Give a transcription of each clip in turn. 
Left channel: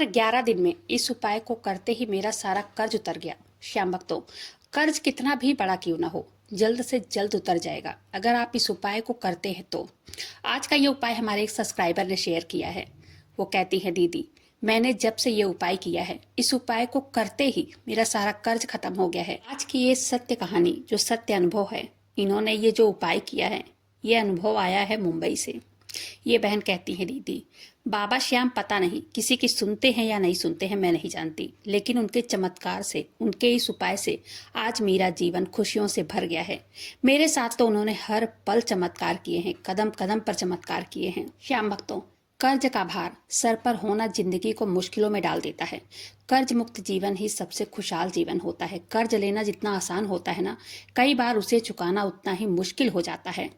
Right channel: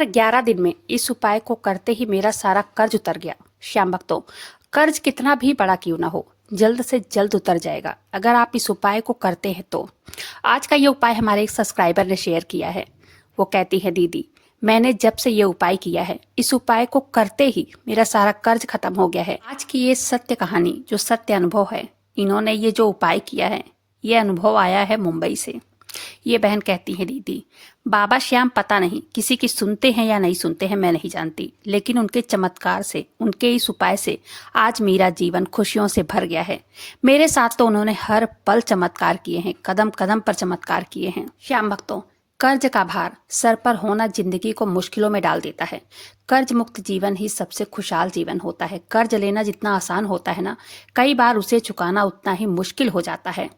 मात्र 11 दिन में इस उपाय को करते ही मेरा सारा कर्ज उतर गया। श्याम भक्तों, कर्ज कितना भी बड़ा क्यों ना हो, जल्द से जल्द उतर जाएगा अगर आप इस उपाय को करते हैं तो। आज का ये उपाय हमारे एक सब्सक्राइबर ने शेयर किया है। वो कहती है, दीदी मैंने जब से ये उपाय किया है, इस उपाय को करते ही मेरा सारा कर्ज खत्म हो गया है। आज की ये सत्य कहानी, जो सत्य अनुभव है, इन्होंने ये जो उपाय किया है, ये अनुभव आया है मुंबई से। ये बहन कहती है, दीदी बाबा श्याम पता नहीं किसी की सुनते हैं या नहीं सुनते हैं, मैं नहीं जानती, लेकिन उनके चमत्कार से, उनके इस उपाय से आज मेरा जीवन खुशियों से भर गया है। मेरे साथ तो उन्होंने हर पल चमत्कार किए हैं, कदम कदम पर चमत्कार किए हैं। श्याम भक्तों, कर्ज का भार सर पर होना जिंदगी को मुश्किलों में डाल देता है। कर्ज मुक्त जीवन ही सबसे खुशहाल जीवन होता है। कर्ज लेना जितना आसान होता है ना, कई बार उसे चुकाना उतना ही मुश्किल हो जाता है।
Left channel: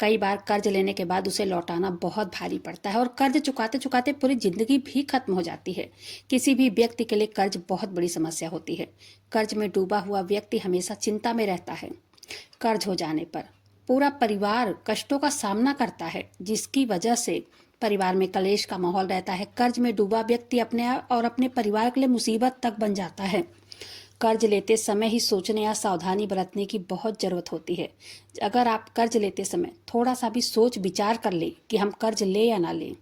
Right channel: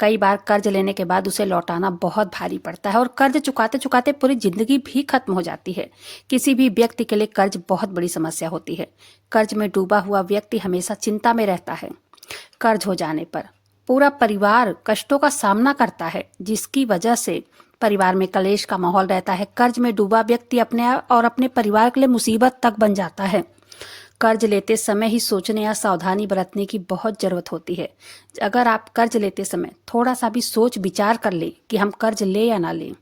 कई बार कर्ज लेने के बाद उसे लौटाना बहुत भारी पड़ता है और कर्ज चुकाते चुकाते पूरी जिंदगी भी खत्म हो जाती है। किसी भी व्यक्ति के लिए कर्ज बहुत बड़ी समस्या होती है। कर्ज में डूबा हुआ व्यक्ति हमेशा चिंता में रहता है। कर्ज हो जाने पर पूरा परिवार कष्टों का सामना करता है, जिसकी वजह से परिवार में कलेश का माहौल रहता है। कर्ज में डूबा व्यक्ति अपने और अपने परिवार के लिए मुसीबत तक बन जाता है। कर्ज लेते समय ही सोचने या सावधानी बरतने की बहुत जरूरत होती है। अगर आप कर्ज लेते समय थोड़ा सा भी सोच विचार कर ले कि हम कर्ज ले या ना लें,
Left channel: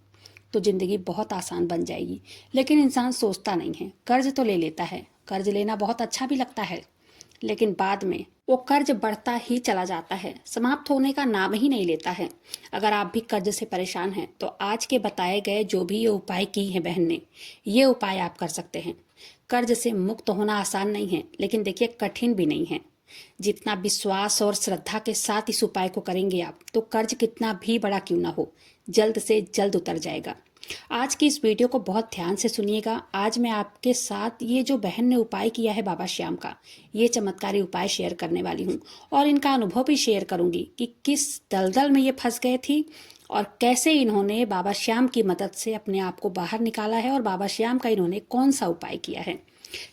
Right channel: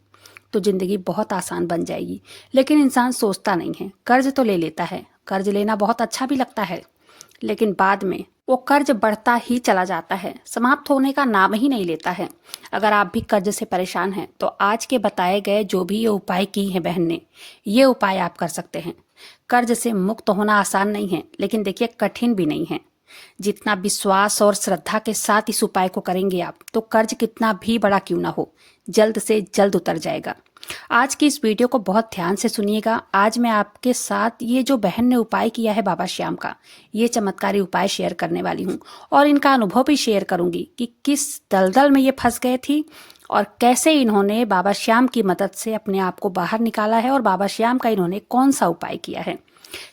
तो जिंदगी बहुत आसान बन जाएगी। लेकिन इंसान सोचता नहीं है। कर्ज तो ले लेता है, कर्ज लेना बहुत अच्छा भी लगता है, लेकिन बाद में वो कर्ज बढ़ता ही चला जाता है, समाप्त होने का नाम ही नहीं लेता है। अगर आप भी कर्ज से परेशान हैं, तो आज के बताए गए जो भी ये उपाय की है बहन ने, ये उपाय आप कर सकते हैं। कर्ज से मुक्त होना आसान नहीं है, लेकिन देखिए कठिन भी नहीं है। जितना विश्वास और श्रद्धा के साथ इस उपाय को करेंगे आप, तो कर्ज कितना भी बड़ा क्यों ना हो, जल्द से जल्द उतर जाएगा। आज की इस वीडियो को बहुत ध्यान से सुनिएगा। आज मैं आपके साथ ये जो बहन ने उपाय किया है बाबा श्याम का, ये चमत्कारी उपाय शेयर करने वाली हूँ और इनका अनुभव भी शेयर करूंगी कि किस दलदल में ये फंस गए थी और कैसे इन्होंने बाबा श्याम की मदद से अपने आप को बाहर निकाला है और बाबा श्याम का इन्होंने कौन सा उपाय किया है।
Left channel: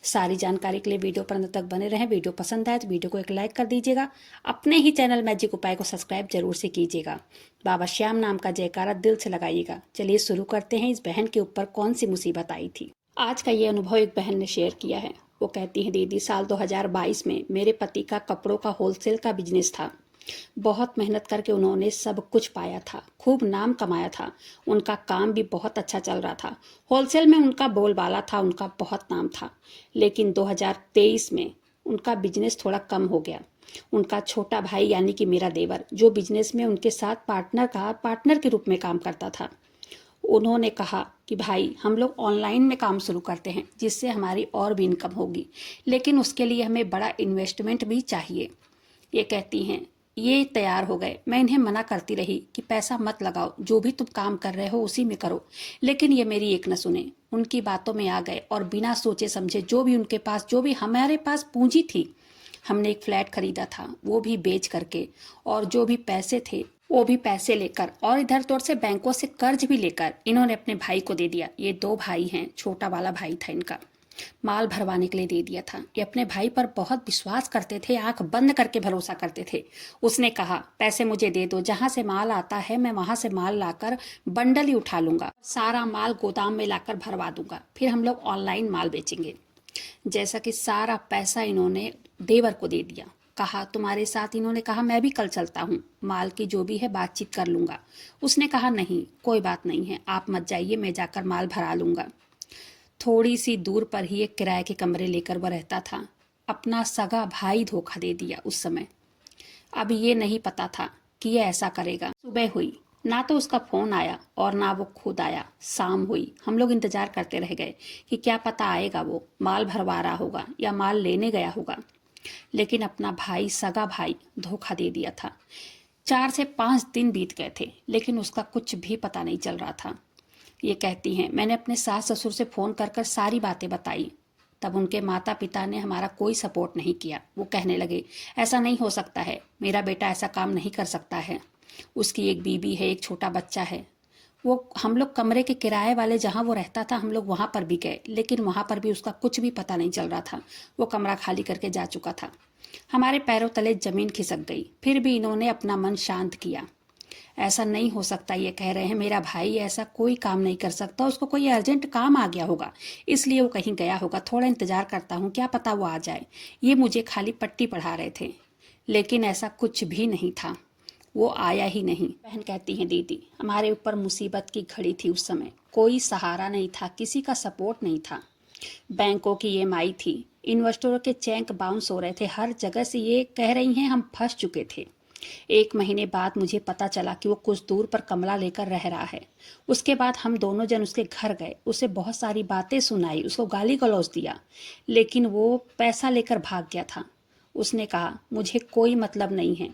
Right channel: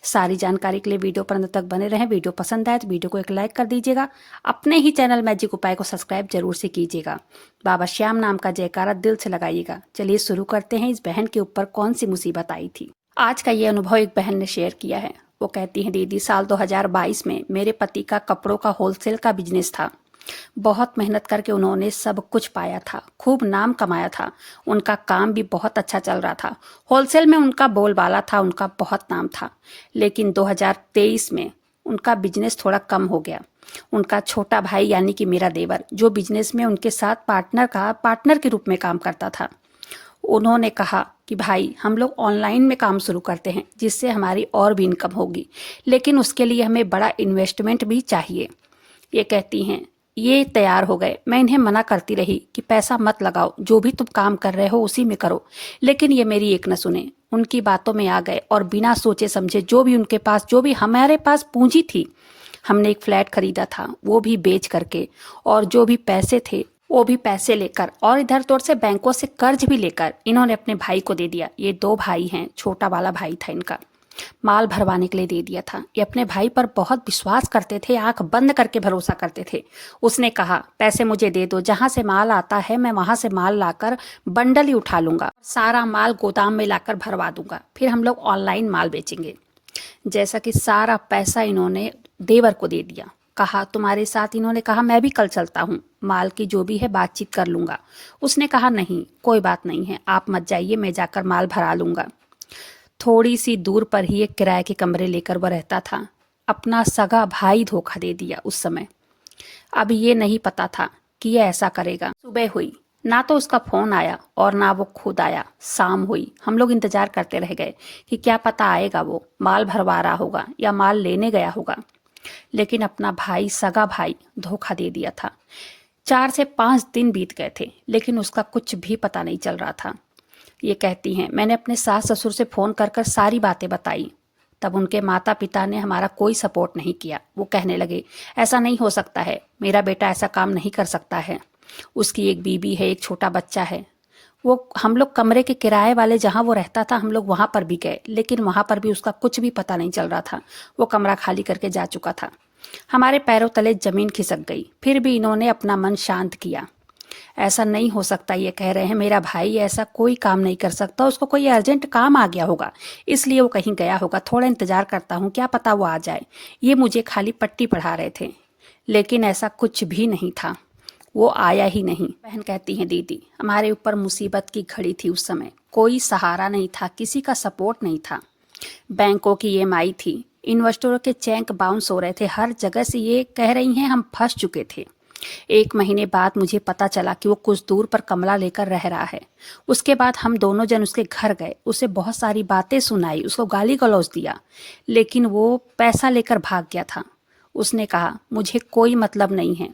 सारी जानकारी के लिए वीडियो पर अंत तक बने रहें। वीडियो पसंद आए तो वीडियो को एक लाइक कर दीजिएगा। अपने ही चैनल मैजिक उपाय को सब्सक्राइब जरूर से कीजिएगा। बाबा श्याम नाम का जयकारा दिल से लगाइएगा। चलिए शुरू करते हैं। इस बहन के ऊपर कौन सी मुसीबत आई थी। आज का ये अनुभव एक बहन ने शेयर किया है। वो कहती है, दीदी साल 2022 में मेरे पति का कपड़ों का होलसेल का बिजनेस था। बहुत मेहनत करके उन्होंने सब कुछ पाया था, खूब नाम कमाया था। उनका काम भी बहुत अच्छा चल रहा था। होलसेल में उनका बोलबाला था, उनका बहुत नाम था। लेकिन 2023 में उनका बिजनेस थोड़ा कम हो गया। उनका छोटा भाई यानी कि मेरा देवर, जो बिजनेस में उनके साथ पार्टनर के रूप में काम करता था, उन्होंने कहा कि भाई हम लोग ऑनलाइन में काम शुरू करते हैं, जिससे हमारी और भी इनकम होगी, लेकिन उसके लिए हमें बड़ा इन्वेस्टमेंट भी चाहिए। ये कहती हैं, ये तैयार हो गए। मैं इन्हें मना करती रही कि पैसा मत लगाओ, जो भी तुम काम कर रहे हो उसी में करो, लेकिन ये मेरी एक न सुने। उनकी बातों में आ गए और बिना सोचे समझे जो भी हमारे पास पूंजी थी, हमने एक फ्लैट खरीदा था, वो भी बेच करके, और जो भी पैसे थे वो भी पैसे लेकर और इधर तोड़ से बैंकों से कर्ज भी लेकर इन्होंने अपने भाई को दे दिया। ये 2 भाई हैं, छोटा वाला भाई था इनका, माल भरवाने के लिए दे दिया था। ये अपने भाई पर बहुत विश्वास करते थे, आंख बंद करके भरोसा करते थे। उसने कहा, पैसे मुझे दे दो, जहां से माल आता है मैं वहां से माल लाकर बंडल ही उठा लूंगा, सारा माल गोदाम में लाकर भरवा दूंगा, फिर हम लोग ऑनलाइन माल बेचेंगे। जैसा कि सारा पैसा इन्होंने देवर को दे दिया। कहा तुम्हारे साथ, इन्होंने कहा मैं भी कल चलता हूँ, माल की जो भी है बातचीत कर लूंगा। उसने कहा नहीं, कोई बात नहीं है, आप मत जाइए, मैं जाकर माल भरा लूंगा। थोड़ी सी दूर पर ही एक किराए के कमरे लेकर वह रहता था। अपना सगा भाई धोखा दे दिया उस समय। अब ये नहीं पता था कि ये ऐसा करेगा। सुबह हुई, ना तो उसका फोन आया और ना वो खुद आया। शाम हुई, हम लोग इंतजार करते रह गए कि क्या पता आएगा, वो माल भरवा रहा होगा या माल लेने गया होगा। लेकिन अपना भाई, सगा भाई, धोखा दे दिया था। 4 से 5 दिन बीत गए थे, लेकिन उसका कुछ भी पता नहीं चल रहा था। ये कहती हैं, मैंने अपने सास ससुर से फोन कर कर सारी बातें बताई, तब उनके माता पिता ने हमारा कोई सपोर्ट नहीं किया। वो कहने लगे, ऐसा नहीं हो सकता है, मेरा बेटा ऐसा काम नहीं कर सकता है, उसकी एक बीबी है, एक छोटा बच्चा है। हम लोग कमरे के किराए वाले जहाँ वो रहता था, हम लोग वहाँ पर भी गए, लेकिन वहाँ पर भी उसका कुछ भी पता नहीं चल रहा था। वो कमरा खाली करके जा चुका था। हमारे पैरों तले जमीन खिसक गई। फिर भी इन्होंने अपना मन शांत किया। ऐसा नहीं हो सकता, ये कह रहे हैं मेरा भाई ऐसा कोई काम नहीं कर सकता, उसको कोई अर्जेंट काम आ गया होगा इसलिए वो कहीं गया होगा, थोड़ा इंतजार करता हूँ, क्या पता वो आ जाए। ये मुझे खाली पट्टी पढ़ा रहे थे। लेकिन ऐसा कुछ भी नहीं था, वो आया ही नहीं। बहन कहती हैं दीदी हमारे ऊपर मुसीबत की घड़ी थी, उस समय कोई सहारा नहीं था, किसी का सपोर्ट नहीं था। बैंकों की ईएमआई थी, इन्वेस्टरों के चेक बाउंस हो रहे थे, हर जगह से ये कह रही हैं हम फंस चुके थे। 1 महीने बाद मुझे पता चला कि वो कुछ दूर पर कमला लेकर रह रहा है। उसके बाद हम दोनों जन उसके घर गए, उसे बहुत सारी बातें सुनाई, उसको गाली गलौज दिया, लेकिन वो पैसा लेकर भाग गया था। उसने कहा मुझे कोई मतलब नहीं है,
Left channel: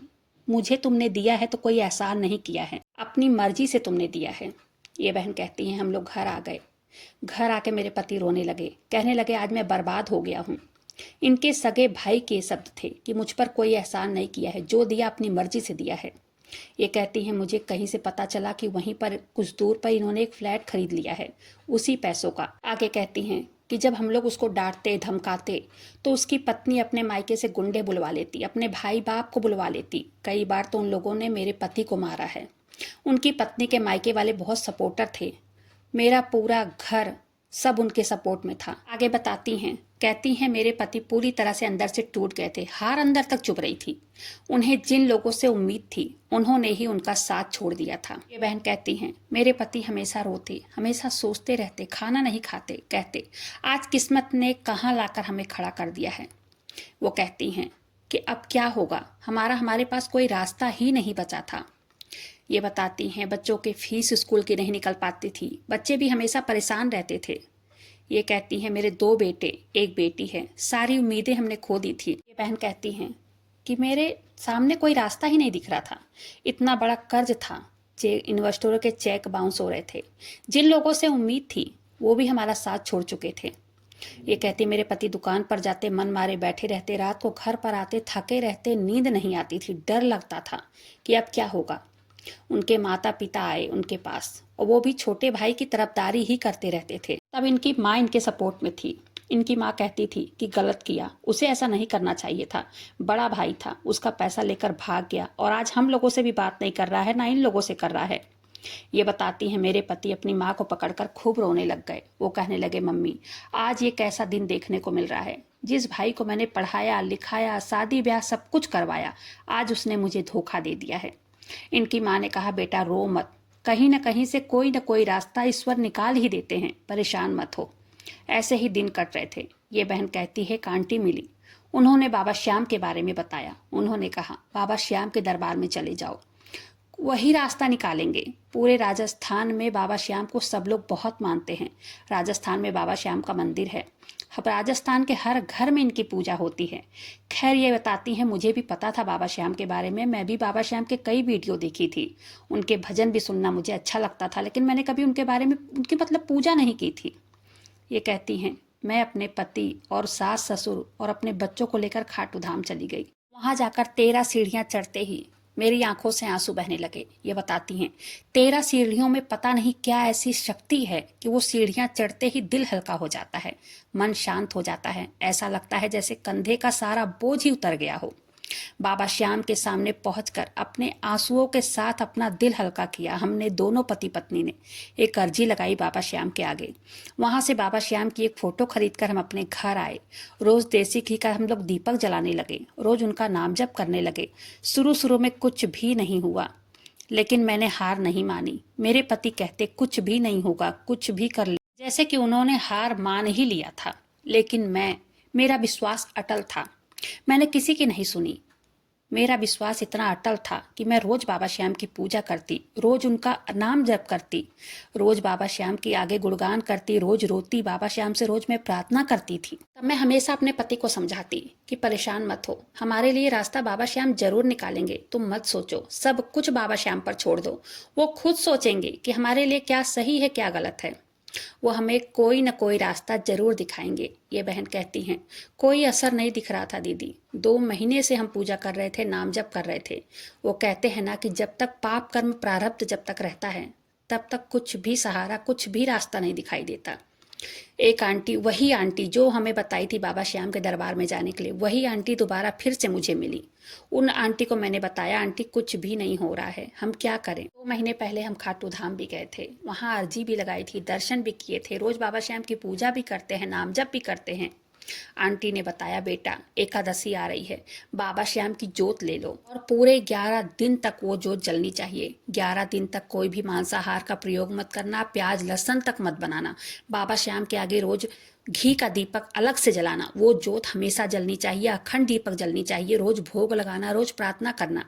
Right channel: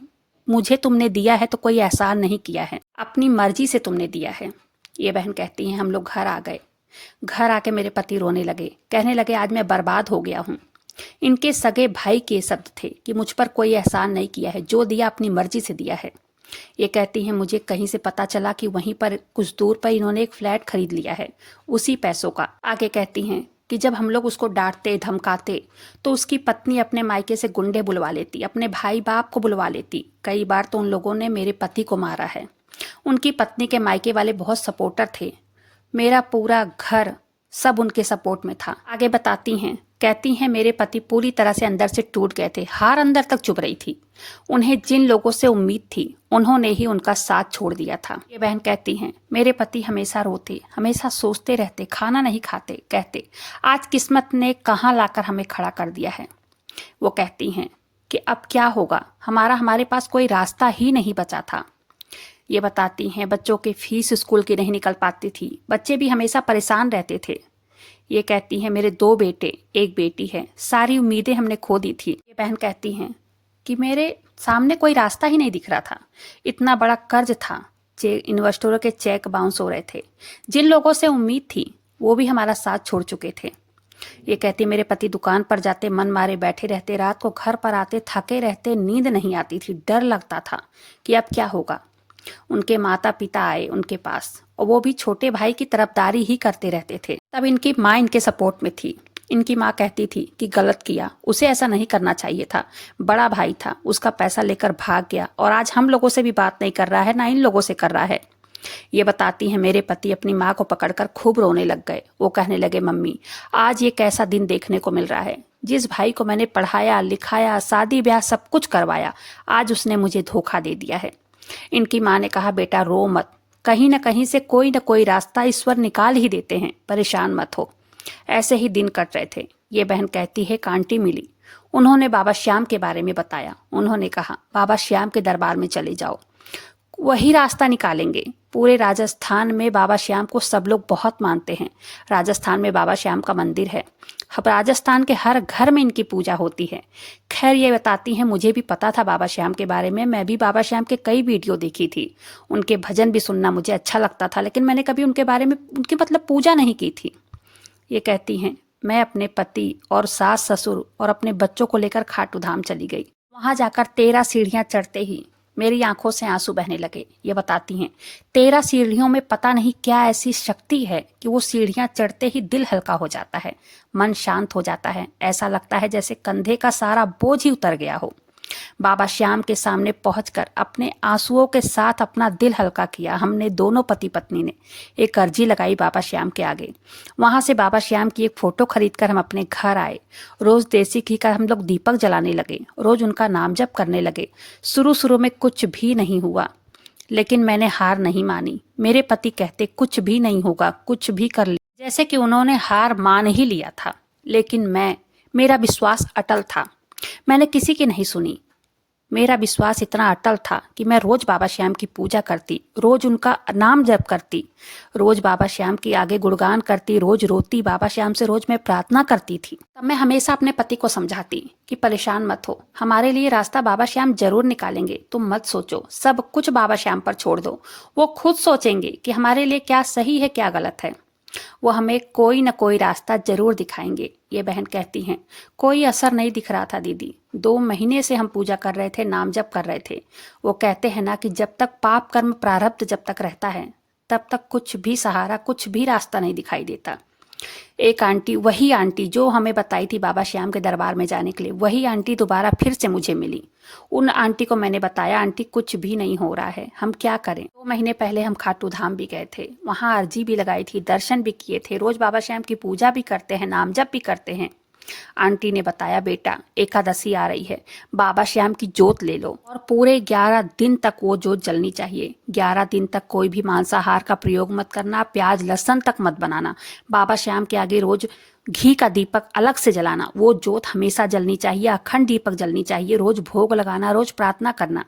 मुझे तुमने दिया है तो कोई एहसान नहीं किया है, अपनी मर्जी से तुमने दिया है। ये बहन कहती हैं हम लोग घर आ गए। घर आके मेरे पति रोने लगे, कहने लगे आज मैं बर्बाद हो गया हूँ। इनके सगे भाई के शब्द थे कि मुझ पर कोई एहसान नहीं किया है, जो दिया अपनी मर्जी से दिया है। ये कहती हैं मुझे कहीं से पता चला कि वहीं पर कुछ दूर पर इन्होंने एक फ्लैट खरीद लिया है उसी पैसों का। आगे कहती हैं कि जब हम लोग उसको डांटते धमकाते तो उसकी पत्नी अपने मायके से गुंडे बुलवा लेती, अपने भाई बाप को बुलवा लेती। कई बार तो उन लोगों ने मेरे पति को मारा है। उनकी पत्नी के मायके वाले बहुत सपोर्टर थे, मेरा पूरा घर सब उनके सपोर्ट में था। आगे बताती हैं, कहती हैं मेरे पति पूरी तरह से अंदर से टूट गए थे, हार अंदर तक चुभ रही थी। उन्हें जिन लोगों से उम्मीद थी उन्होंने ही उनका साथ छोड़ दिया था। ये बहन कहती हैं मेरे पति हमेशा रोते, हमेशा सोचते रहते, खाना नहीं खाते, कहते आज किस्मत ने कहाँ लाकर हमें खड़ा कर दिया है। वो कहती हैं कि अब क्या होगा, हमारे पास कोई रास्ता ही नहीं बचा था। ये बताती हैं बच्चों के फीस स्कूल की नहीं निकल पाती थी, बच्चे भी हमेशा परेशान रहते थे। ये कहती हैं मेरे 2 बेटे 1 बेटी है, सारी उम्मीदें हमने खो दी थी। ये बहन कहती हैं कि मेरे सामने कोई रास्ता ही नहीं दिख रहा था, इतना बड़ा कर्ज था, इन्वेस्टरों के चेक बाउंस हो रहे थे, जिन लोगों से उम्मीद थी वो भी हमारा साथ छोड़ चुके थे। ये कहती मेरे पति दुकान पर जाते मन मारे बैठे रहते, रात को घर पर आते थके रहते, नींद नहीं आती थी, डर लगता था कि अब क्या होगा। उनके माता पिता आए उनके पास और वो भी छोटे भाई की तरफदारी ही करते रहते थे। तब इनकी माँ इनके सपोर्ट में थी। इनकी माँ कहती थी कि गलत किया, उसे ऐसा नहीं करना चाहिए था, बड़ा भाई था, उसका पैसा लेकर भाग गया और आज हम लोगों से भी बात नहीं कर रहा है, ना इन लोगों से कर रहा है। ये बताती हैं मेरे पति अपनी माँ को पकड़कर खूब रोने लग गए। वो कहने लगे मम्मी आज ये कैसा दिन देखने को मिल रहा है, जिस भाई को मैंने पढ़ाया लिखाया शादी ब्याह सब कुछ करवाया, आज उसने मुझे धोखा दे दिया है। इनकी माँ ने कहा बेटा रो मत, कहीं न कहीं से कोई न कोई रास्ता ईश्वर निकाल ही देते हैं, परेशान मत हो। ऐसे ही दिन कट रहे थे। ये बहन कहती है कांटी मिली, उन्होंने बाबा श्याम के बारे में बताया। उन्होंने कहा बाबा श्याम के दरबार में चले जाओ, वही रास्ता निकालेंगे। पूरे राजस्थान में बाबा श्याम को सब लोग बहुत मानते हैं। राजस्थान में बाबा श्याम का मंदिर है, राजस्थान के हर घर में इनकी पूजा होती है। खैर ये बताती हैं मुझे भी पता था बाबा श्याम के बारे में, मैं भी बाबा श्याम के कई वीडियो देखी थी, उनके भजन भी सुनना मुझे अच्छा लगता था, लेकिन मैंने कभी उनके बारे में उनकी पूजा नहीं की थी। ये कहती हैं मैं अपने पति और सास ससुर और अपने बच्चों को लेकर खाटू धाम चली गई। वहां जाकर 13 सीढ़ियां चढ़ते ही मेरी आंखों से आंसू बहने लगे। ये बताती हैं 13 सीढ़ियों में पता नहीं क्या ऐसी शक्ति है कि वो सीढ़ियां चढ़ते ही दिल हल्का हो जाता है, मन शांत हो जाता है, ऐसा लगता है जैसे कंधे का सारा बोझ ही उतर गया हो। बाबा श्याम के सामने पहुंचकर अपने आंसुओं के साथ अपना दिल हल्का किया। हमने दोनों पति पत्नी ने एक अर्जी लगाई बाबा श्याम के आगे। वहां से बाबा श्याम की एक फोटो खरीदकर हम अपने घर आए। रोज देसी घी का हम लोग दीपक जलाने लगे, रोज उनका नाम जप करने लगे। शुरू में कुछ भी नहीं हुआ, लेकिन मैंने हार नहीं मानी। मेरे पति कहते कुछ भी नहीं होगा, कुछ भी कर ले, जैसे कि उन्होंने हार मान ही लिया था। लेकिन मेरा विश्वास अटल था, मैंने किसी की नहीं सुनी। मेरा विश्वास इतना अटल था कि मैं रोज बाबा श्याम की पूजा करती, रोज उनका नाम जप करती, रोज बाबा श्याम के आगे गुणगान करती, रोज रोती, बाबा श्याम से रोज मैं प्रार्थना करती थी। तब मैं हमेशा अपने पति को समझाती कि परेशान मत हो, हमारे लिए रास्ता बाबा श्याम जरूर निकालेंगे, तुम मत सोचो, सब कुछ बाबा श्याम पर छोड़ दो, वो खुद सोचेंगे कि हमारे लिए क्या सही है क्या गलत है, वो हमें कोई न कोई रास्ता जरूर दिखाएंगे। ये बहन कहती हैं कोई असर नहीं दिख रहा था दीदी, 2 महीने से हम पूजा कर रहे थे, नाम जप कर रहे थे। वो कहते हैं ना कि जब तक पाप कर्म प्रारब्ध जब तक रहता है तब तक कुछ भी सहारा, कुछ भी रास्ता नहीं दिखाई देता। एक आंटी, वही आंटी जो हमें बताई थी बाबा श्याम के दरबार में जाने के लिए, वही आंटी दोबारा फिर से मुझे मिली। उन आंटी को मैंने बताया, आंटी कुछ भी नहीं हो रहा है, हम क्या करें। 2 महीने पहले हम खाटू धाम भी गए थे, वहां अर्जी भी लगाई थी, दर्शन भी किए थे, रोज बाबा श्याम की पूजा भी करते हैं, नाम जप भी करते हैं। आंटी ने बताया, बेटा एकादशी आ रही है, बाबा श्याम की जोत ले लो और पूरे 11 दिन तक वो जोत जलनी चाहिए। 11 दिन तक कोई भी मांसाहार का प्रयोग मत करना, प्याज लहसुन तक मत बनाना। बाबा श्याम के आगे रोज घी का दीपक अलग से जलाना, वो जोत हमेशा जलनी चाहिए, अखंड दीपक जलनी चाहिए, रोज भोग लगाना, रोज प्रार्थना करना।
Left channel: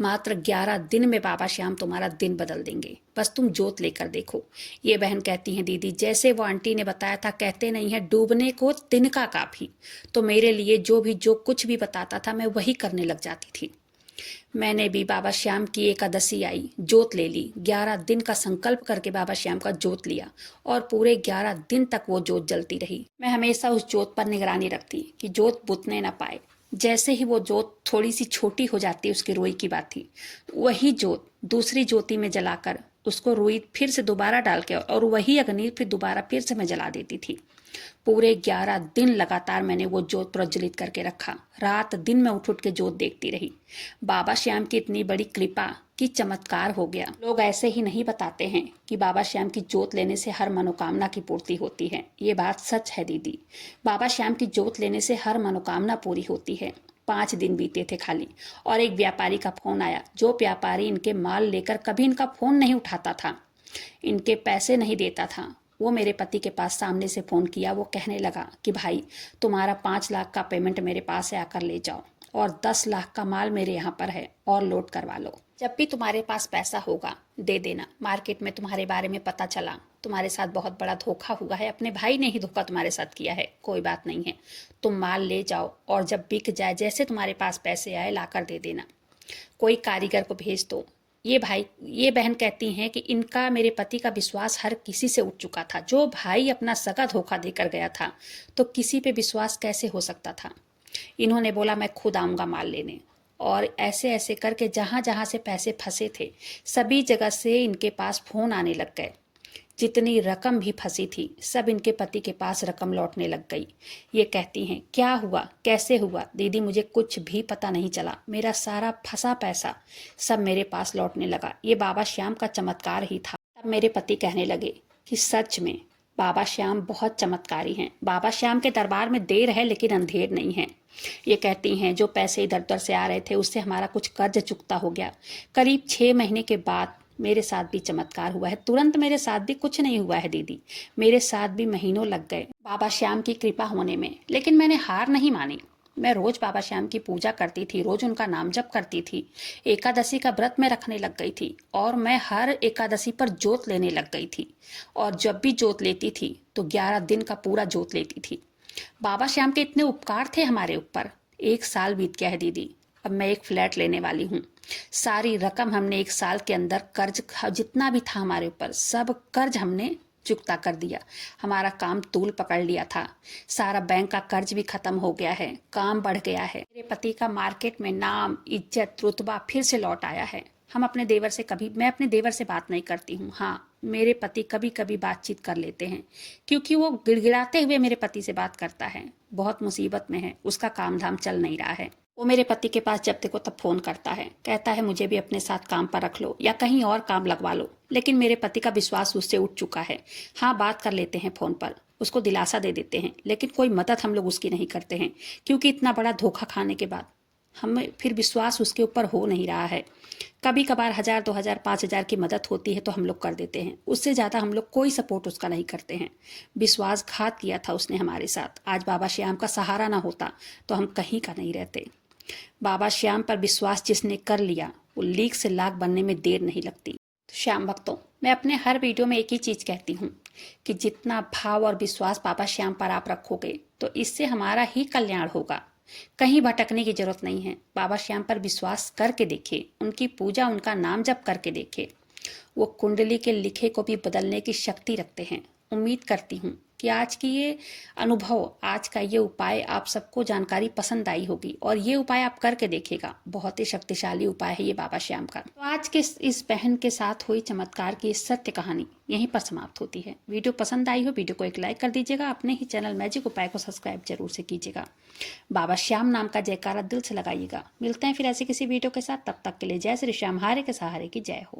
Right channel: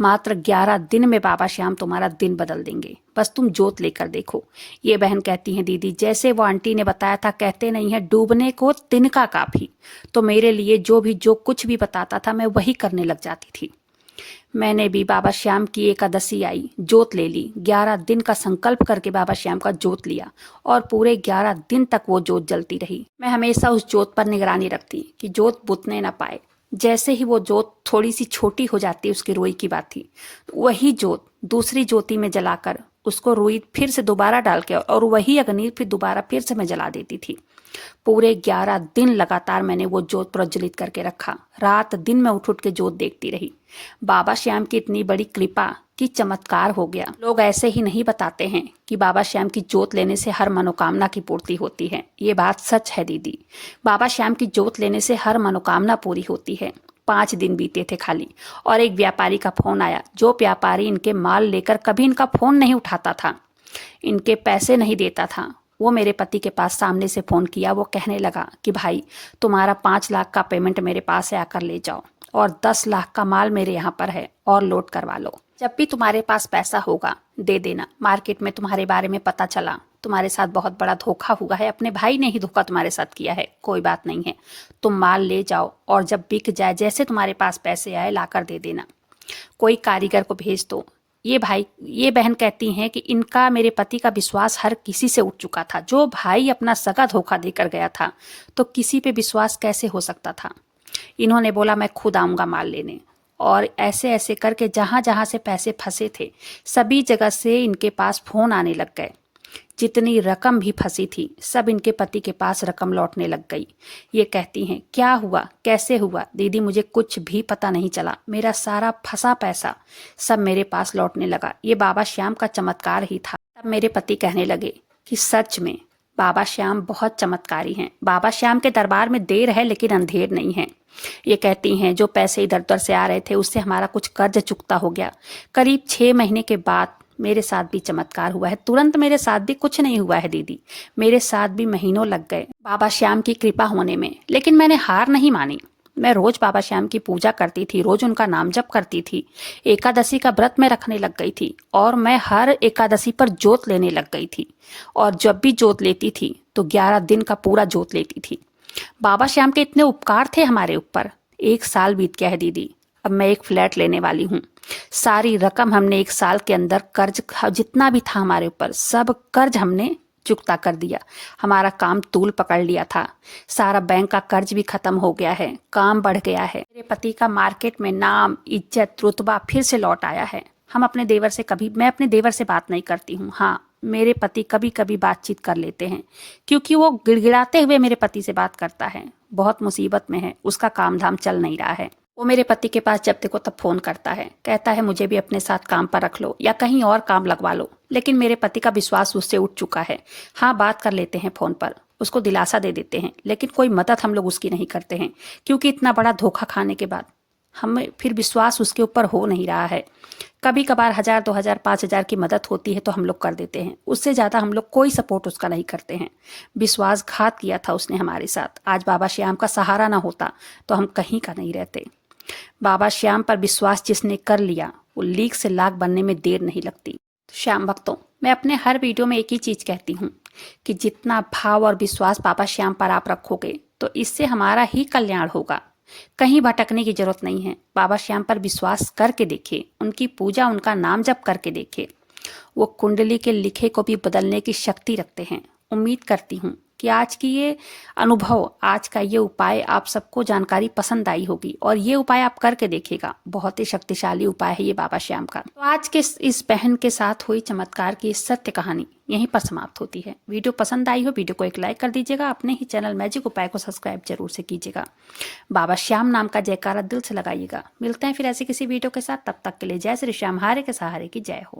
मात्र 11 दिन में बाबा श्याम तुम्हारा दिन बदल देंगे, बस तुम जोत लेकर देखो। ये बहन कहती हैं, दीदी जैसे वो आंटी ने बताया था, कहते नहीं है डूबने को तिनका काफी, तो मेरे लिए जो कुछ भी बताता था मैं वही करने लग जाती थी। मैंने भी बाबा श्याम की एकादशी आई, जोत ले ली, 11 दिन का संकल्प करके बाबा श्याम का जोत लिया और पूरे 11 दिन तक वो जोत जलती रही। मैं हमेशा उस जोत पर निगरानी रखती कि जोत बुझने न पाए। जैसे ही वो जोत थोड़ी सी छोटी हो जाती, उसकी रुई की बात थी, वही जोत दूसरी ज्योति में जलाकर उसको रुई फिर से दोबारा डाल के और वही अग्नि फिर दोबारा फिर से मैं जला देती थी। पूरे 11 दिन लगातार मैंने वो जोत प्रज्वलित करके रखा। रात दिन मैं उठ उठ के जोत देखती रही। बाबा श्याम की इतनी बड़ी कृपा कि चमत्कार हो गया। लोग ऐसे ही नहीं बताते हैं कि बाबा श्याम की जोत लेने से हर मनोकामना की पूर्ति होती है। ये बात सच है दीदी, बाबा श्याम की जोत लेने से हर मनोकामना पूरी होती है। 5 दिन बीते थे खाली और एक व्यापारी का फोन आया। जो व्यापारी इनके माल लेकर कभी इनका फोन नहीं उठाता था, इनके पैसे नहीं देता था, वो मेरे पति के पास सामने से फोन किया। वो कहने लगा कि भाई तुम्हारा 5 लाख का पेमेंट मेरे पास है, आकर ले जाओ, और 10 लाख का माल मेरे यहाँ पर है और लोड करवा लो। जब भी तुम्हारे पास पैसा होगा दे देना। मार्केट में तुम्हारे बारे में पता चला, तुम्हारे साथ बहुत बड़ा धोखा हुआ है, अपने भाई ने ही धोखा तुम्हारे साथ किया है, कोई बात नहीं है, तुम माल ले जाओ और जब बिक जाए जैसे तुम्हारे पास पैसे आए लाकर दे देना। कोई कारीगर को भेज दो। ये बहन कहती हैं कि इनका मेरे पति का विश्वास हर किसी से उठ चुका था। जो भाई अपना सगा धोखा देकर गया था तो किसी पे विश्वास कैसे हो सकता था। इन्होंने बोला मैं खुद आऊंगा माल लेने, और ऐसे ऐसे करके जहां जहां से पैसे फंसे थे सभी जगह से इनके पास फोन आने लग गए। जितनी रकम भी फंसी थी सब इनके पति के पास रकम लौटने लग गई। ये कहती हैं, क्या हुआ, कैसे हुआ दीदी, मुझे कुछ भी पता नहीं चला, मेरा सारा फंसा पैसा सब मेरे पास लौटने लगा। ये बाबा श्याम का चमत्कार ही था। तब मेरे पति कहने लगे कि सच में बाबा श्याम बहुत चमत्कारी हैं। बाबा श्याम के दरबार में देर है लेकिन अंधेर नहीं है। ये कहती हैं, जो पैसे इधर उधर से आ रहे थे उससे हमारा कुछ कर्ज चुकता हो गया। करीब 6 महीने के बाद मेरे साथ भी चमत्कार हुआ है। तुरंत मेरे साथ भी कुछ नहीं हुआ है दीदी, मेरे साथ भी महीनों लग गए बाबा श्याम की कृपा होने में, लेकिन मैंने हार नहीं मानी। मैं रोज बाबा श्याम की पूजा करती थी, रोज उनका नाम जप करती थी, एकादशी का व्रत में रखने लग गई थी और मैं हर एकादशी पर जोत लेने लग गई थी। और जब भी जोत लेती थी तो 11 दिन का पूरा जोत लेती थी। बाबा श्याम के इतने उपकार थे हमारे ऊपर। 1 साल बीत गया है दीदी, अब मैं एक फ्लैट लेने वाली हूँ। सारी रकम हमने 1 साल के अंदर कर्ज जितना भी था हमारे ऊपर सब कर्ज हमने चुकता कर दिया। हमारा काम तूल पकड़ लिया था, सारा बैंक का कर्ज भी खत्म हो गया है, काम बढ़ गया है। मेरे पति का मार्केट में नाम, इज्जत, रुतबा फिर से लौट आया है। मैं अपने देवर से बात नहीं करती हूँ। हाँ, मेरे पति कभी कभी बातचीत कर लेते हैं क्योंकि वो गिड़गिड़ाते हुए मेरे पति से बात करता है। बहुत मुसीबत में है, उसका काम धाम चल नहीं रहा है। वो मेरे पति के पास जब देखो तब फोन करता है, कहता है मुझे भी अपने साथ काम पर रख लो या कहीं और काम लगवा लो। लेकिन मेरे पति का विश्वास उससे उठ चुका है। हाँ, बात कर लेते हैं फोन पर, उसको दिलासा दे देते हैं, लेकिन कोई मदद हम लोग उसकी नहीं करते हैं क्योंकि इतना बड़ा धोखा खाने के बाद हमें फिर विश्वास उसके ऊपर हो नहीं रहा है। कभी कभार 1000, 2000, 5000 की मदद होती है तो हम लोग कर देते हैं, उससे ज़्यादा हम लोग कोई सपोर्ट उसका नहीं करते हैं। विश्वासघात किया था उसने हमारे साथ। आज बाबा श्याम का सहारा ना होता तो हम कहीं का नहीं रहते। बाबा श्याम पर विश्वास जिसने कर लिया वो लीक से लाख बनने में देर नहीं लगती। श्याम भक्तों, मैं अपने हर वीडियो में एक ही चीज कहती हूँ कि जितना भाव और विश्वास बाबा श्याम पर आप रखोगे तो इससे हमारा ही कल्याण होगा। कहीं भटकने की जरूरत नहीं है। बाबा श्याम पर विश्वास करके देखे, उनकी पूजा, उनका नाम जप करके देखे। वो कुंडली के लिखे को भी बदलने की शक्ति रखते हैं। उम्मीद करती हूँ कि आज की ये अनुभव, आज का ये उपाय आप सबको जानकारी पसंद आई होगी और ये उपाय आप करके देखिएगा। बहुत ही शक्तिशाली उपाय है ये बाबा श्याम का। तो आज के इस बहन के साथ हुई चमत्कार की सत्य कहानी यहीं पर समाप्त होती है। वीडियो पसंद आई हो, वीडियो को एक लाइक कर दीजिएगा। अपने ही चैनल मैजिक उपाय को सब्सक्राइब जरूर से कीजिएगा। बाबा श्याम नाम का जयकारा दिल से लगाइएगा। मिलते हैं फिर ऐसे किसी वीडियो के साथ, तब तक के लिए जय श्री श्याम, हारे के सहारे की जय हो।